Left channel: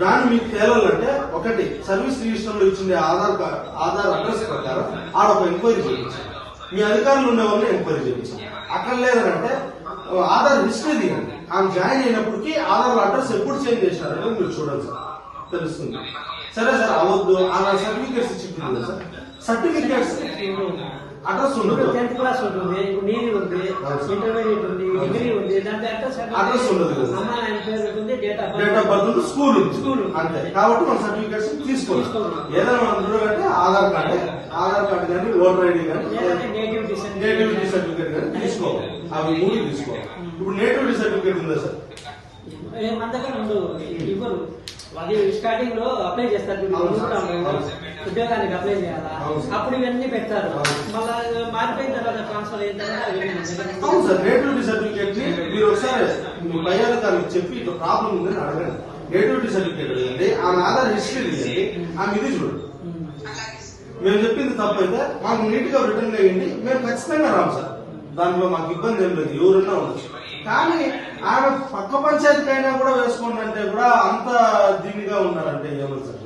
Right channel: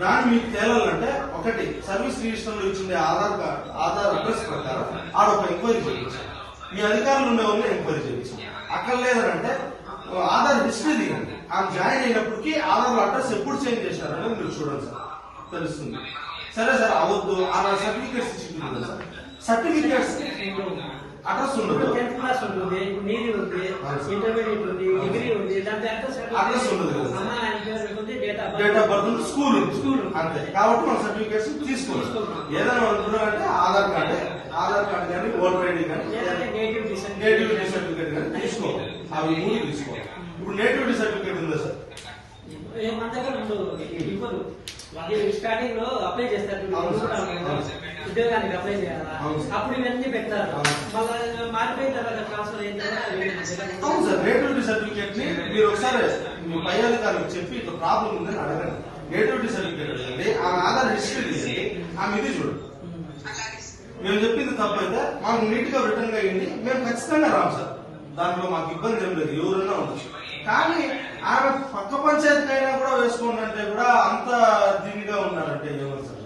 దాన్ని మీకు తేలాలంటే ఒకటి సర్వీస్ రిజిస్టర్లో ఇచ్చింది ఆధార్ కార్డ్ ఆధార్ అడ్రస్ ప్రకారం ఆడ ఒక ఎంక్వైరీ చేయించాలి. మీ అధికారులు ఉండే వాళ్ళని ఎంక్వైరీ చేయించాలి. అక్కడ లేదంటే ఆధార్ హిస్టరీ దిగండి ఆమె జాయిన్ అయినప్పటికీ ఆధార్ అడ్రస్ ఎప్పుడు చేంజ్ చేశారంటే మీరు చూడండి సార్ తెలుస్తుంది. సరే సార్ అవద్దు. ఆధార్ సర్టిఫికేట్స్ ఇచ్చింది సార్. సర్టిఫికేట్స్ అడ్రస్ ఉండదు. టెన్త్ క్లాస్ ఉంటుంది. నీది ఉంది. ఇంటర్మీడియట్ ఉంది. అడ్రస్ ఉండదు date of birth school school. అంతే. కాబట్టి మన సర్టిఫికేట్స్ తీసుకోవాలి. ఏదైనా మనం చూడాలంటే ఆధార్ కార్డు ఆధార్ కార్డు కానీ ఓటర్ ఐడి కానీ నేటివిటీ నేటివిటీ సర్టిఫికేట్ కానీ తీసుకోవాలి. అవి మూడు తీసుకోవాలి. ఇప్పుడు నేటివిటీ సర్టిఫికేట్ ఉందా సార్? మన దగ్గర ఇవ్వరు. అది స్టార్టింగ్లో అప్లై చేస్తారు. ఉద్యోగానికి అప్లై చేయాలా. అప్పుడు ఇవన్నీ పెట్టారు అవును సార్ నేటివిటీ సర్టిఫికేట్ని మీరు ఒకసారి మీ పై అధికారులకు చెప్పి ఇట్లా ప్రాబ్లం ఉందని అడగండి. నేటివిటీ సర్టిఫికేట్ అడగండి. ఆమె ఆధార్ హిస్టరీ తీయండి ఆమె ఇది చూడండి మేము చెప్పింది తప్పైతే మాకు నీట్గా రిటర్న్ అయ్యింది. మేము ఖచ్చితంగా రాము సార్. దాంట్లో మాకు ఇబ్బంది ఏం లేదు. ఎవరన్నా ఉండొచ్చు. కానీ ఆమె పక్క పంచాయతీ అయినా కూడా వేసుకోండి అంటే కూడా అంత దీనిగా ఉన్నారంటే ఏమని సార్.